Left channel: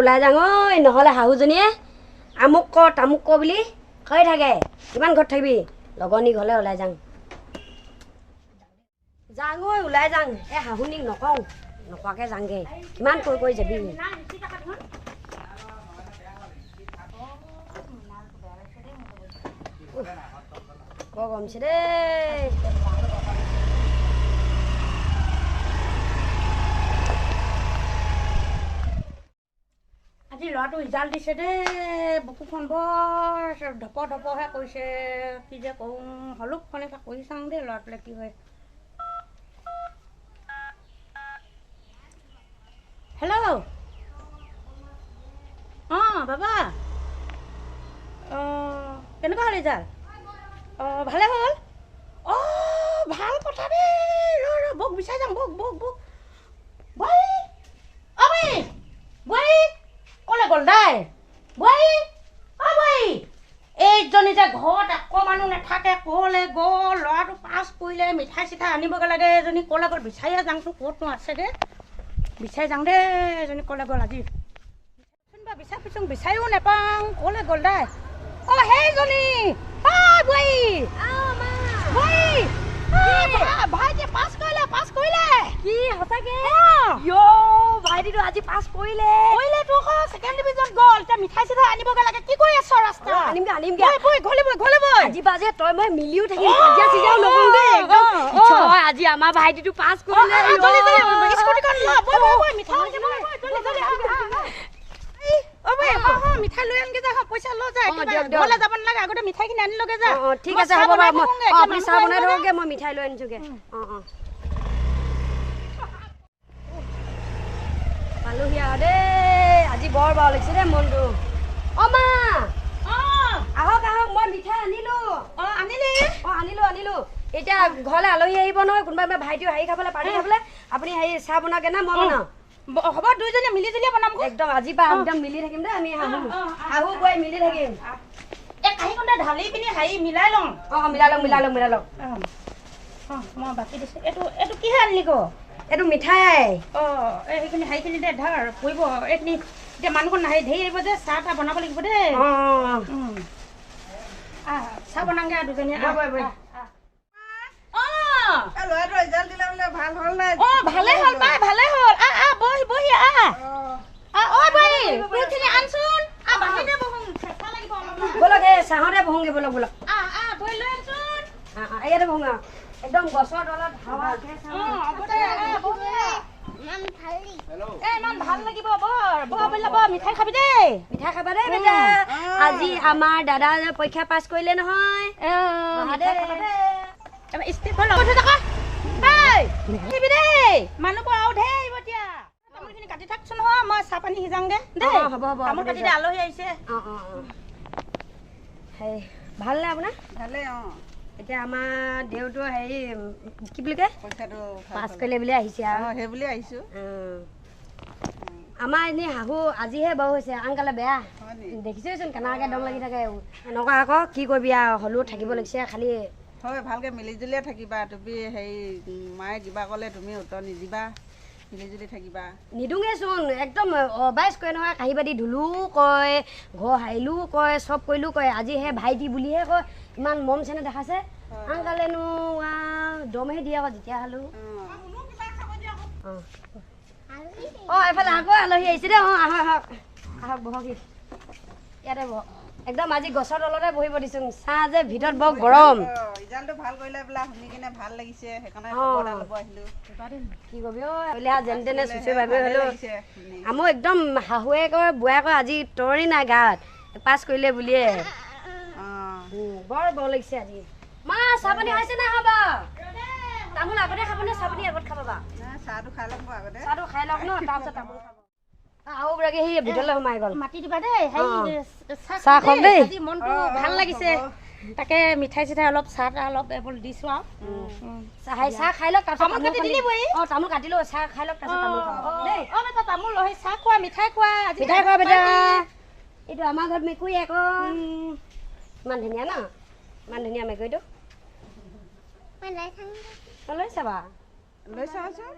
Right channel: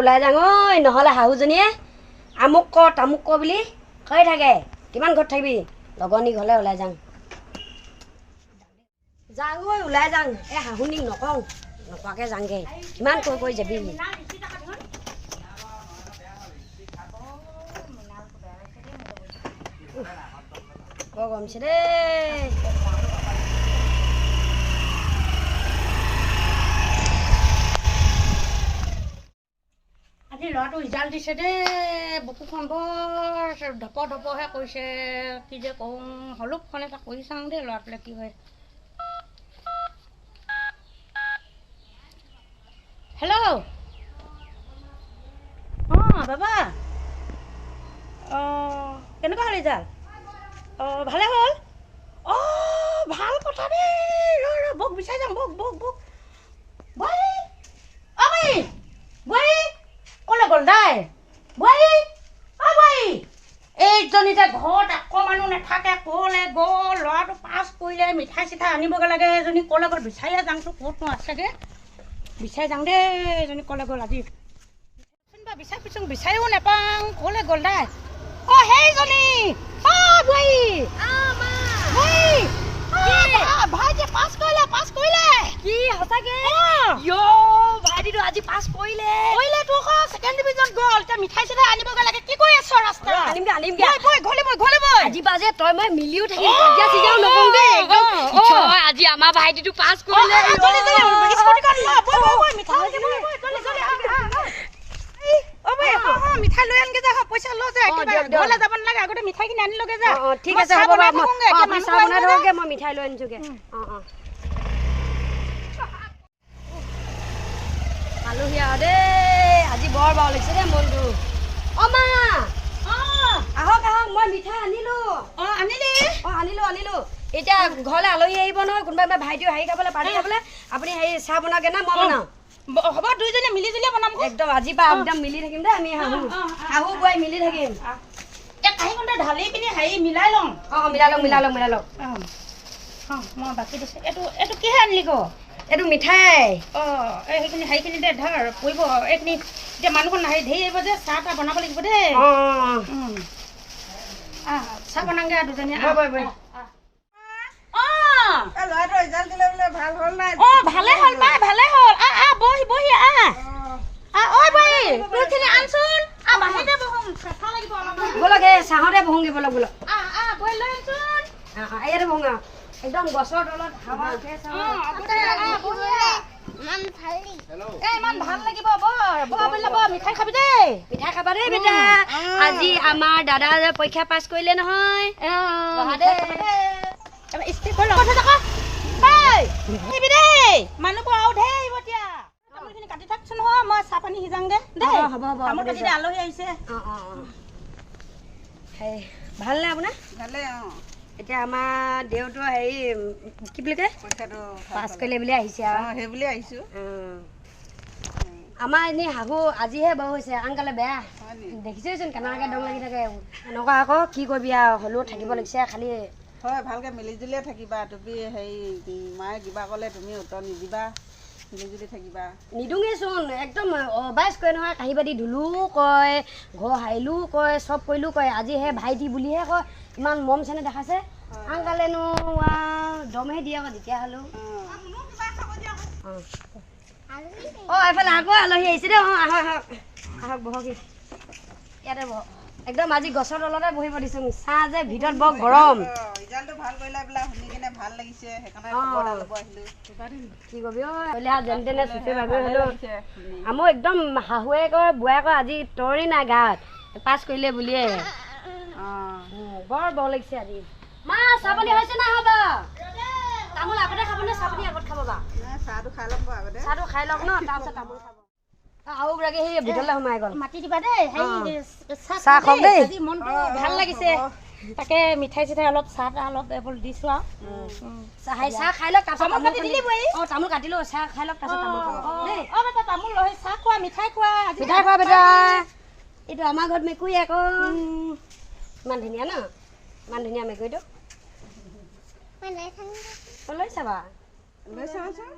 ওলাই যাওঁ ঐ নহ'লে শাহুজনীয়ে আমুক কৰ তামুক কৰ বুলি কৈ থাকে কিমান ঘৰত থাকিবি লগনী ঘৰলৈ ওলাই যাওঁ যাওঁ ঐ ওলাই যাওঁ এই শাহুনীক নকওঁ নকোৱাকৈ যাওঁগৈ কিমান কৈ যাবি বৰ গৰমছে দেই আজি ল'ৰাটো ৰিজাল্ট দিছে দেই বুকুখন বৰ ধপহে কৰিছে কি যে কৰোঁ হলুকখন এটা কৰি চাওঁ দেই ল'ৰাটোলৈ কি হয় হেল্ল' অঁ বাবা অঁ কেনেকুৱা হ'ল ৰিজাল্ট অঁ ভালে হ'ল অঁ ভাল কথা দেই বৌক বিচাৰি যাম বৌক বোৱাৰী অঁ বোৱাৰী ক'লে গ'ল দাই বোৱাৰী অঁ বোৱাৰী এইজনী যে ঘৰত আকৌ মানুহ নাথাকে ক'লে গ'ল ল'ৰাটো পাছ কৰিলে মিঠাই চিঠাই আনিবগৈ লাগে এজনী ক'লে গ'ল বিচাৰিয়ে যাওঁতো ক'তনো আছেগৈ বিচাৰি যাওঁ দেই এজনী ক'লে গ'ল আজি বিচাৰিছোঁ বিচাৰিও নাপাওঁ ক'লে গ'ল দাই অঁ সেইজনী অঁ বোৱাৰী ভাইটিয়ে পাছ কৰিলে কি সঁচাকে ভাইটিটো আজি পাছ কৰিলে তোৰ আকৌ ছেকেণ্ড ডিভিজন গ'ল এতিয়া মিঠাই চিঠাই আনিবগৈ লাগে কি কৰি আছ ৰাস্তা আনিমগে ঘৰলৈ আজি বাজে তই মই মিলিও থাকিম কাজিয়া চিজিয়াও নকৰো দেই একদম আজি আমাৰ ভাইটিটো পাছ কৰিলে মিঠাই লৈ আনগে যা পইচা লৈ যা ঘৰলৈ যাব নালাগে আগতে মিঠাইখিনি আনি লগে যা ঠিক আছে হ'ব বাৰু মই চাহ বনাই থওঁগে মই মিঠাই লৈ আনিছোগে পালোহি আৰু দেই আজি বৰ বাৰু লাগিছে দেই মনটো মা আহক মই মিঠাই আনিলো আনিলো এতিয়া ঘৰলৈ আলহী আহিব নহয় কোনোবা ভাইটিও হেৰি খাবলৈ পাৰ্টি খাবলৈ আপুনি হেৰি চাহ বনাওগে না মই বনাওঁ হ'ব দুইজনী মিলি জুলিয়ে বনাম একদম আজিৰ পৰা একদম মিলি থাকিম দেই আমি শাহু বোৱাৰী মিলি থাকিম এই কাঁহীখনতে ঢালি পিনি হেৰি মিলাই লওঁ মিলাই লওঁ মই বাকী দিছোঁ এইটো কিহে আনিলি ক এইটো মিঠাই সেইখিনি হেৰিখিনিতে ধৰ পৰিব এইখিনি এতিয়া মানুহখন হেৰি ধেৰ আহিব যে চাহ তাহ বনাব লাগিব দেই চাহ বনাওঁগে আৰু দুজনীয়ে ল'ৰাটো ৰিজাল্ট দিলে বোলে ভাল হ'ল নাই ভালে হ'ল মাই ভালে হ'ল বহি তোৰখিনি আনচোন বাহিৰতে বহোঁ চেঁচা লাগিব অলপমান ব'লক এই চাহতে বহোঁগে ব'লক বহি লৈ আনচোন ইয়াতে বহোঁ একদম গছৰ তলত হাৱা ইমান ভাল লাগিব বৰ মিঠাই খাবি দেই মিঠাই খাবা দেই বেটা আজি আমাৰ দাদা পৰীক্ষা পাছ কৰিলে নহয় মানুহবোৰ আৰু ধেৰ আহিব এতিয়া তামোলখিনি কাটি থাকচোন নহয় মই চাহ পানী সিজাওঁগে দেই হ'ব তামোল কাটি দে আলহী আহিছে ভালনে আপোনাৰ ভালেই এতিয়া আমাৰ দেউতো হেৰি কি বুলি কয় পৰীক্ষাটো পাছ কৰিলে বুলি আহিছে আৰু সেই বুলি আহিছোঁ আমাৰ এনেই শাহু আজিহে বাৰু হৈছে আনকালে বেয়া দেখিছেচোন কেনেকৈ দম লাগি থাকে এনেকুৱা আকৌ কি কৰিবি আৰু হ'লেও থাকিব লাগিছে খালি হয় ভালকৈ মিলিজুলিয়ে থাকিবা তুমি হেৰি মায়ে কিবা ক'লে তুমি উত্তৰ নিদিবা মিলিজুলি থাকিবা নিদোঙেচোন একদম অবাইচ কয় নহয় কাঁহী বাতি ধুলোও কয় ঘৰ সাৰিলোও কয় চব কৰিলোও কয় আজি সেই ভাইটি বুলিহে কয় ইমান মৰম চেনেহ দেখাইছে আনকালেনো দমহে দিয়ে আকৌ যেতিয়া হ'লেও এফালে আকৌ আলহী আহিছে দেই আহক বহকি ইয়াতে বহক একদম আজি গছৰ তলতে বহিব দিছোঁ চাহ যে ভিতৰত বৰ গৰম ৰিজাল্টটো ভাল কৰিলে বোলা শুনি কিনে ভাল লাগিছে সেইকাৰণে কি কবি যেনে তেনে চুচৰি ভাবি হ'লেও মোৰ একদম শাহুৱেকৰ বোৱায়েকৰ আজি তৰি নাই গাত পাছ কৰিলে বুলিয়ে বৰ লাগিছে আজি মা চাহ পানী হৈছে না হ'ব তামোল আগতে খাবনে চাহ পানী আগত খাব বা চাহটো খাই ল'ম আগতে চাহটো খাই লওক ন তাৰপিছত তামোল খাব আৰু বোলে সেই ভিতৰলৈ সোমাই গ'ল মাতি দিবা দেই চাহ খাওক দেই আজি মনটো ভাল লাগিছে তাকে মিঠাই চিঠাই অলপ চাহ তাহ অলপ এইবোৰ দিছোঁ আৰু চাহ খাই লওক তাৰপিছত তামোল কাটিলো চাহ খাই লওক তাৰপিছত তামোল খাব দেই তামোল লৈ চাহ খোৱা মিঠাই খোৱা বেটা এইটো আমাৰ ঘৰত মেকুৰী আকৌ ইমান ধুনীয়া ন ইমান ধুনীয়া মেকুৰীটো লৈ চাবা লৈ চাওঁচোন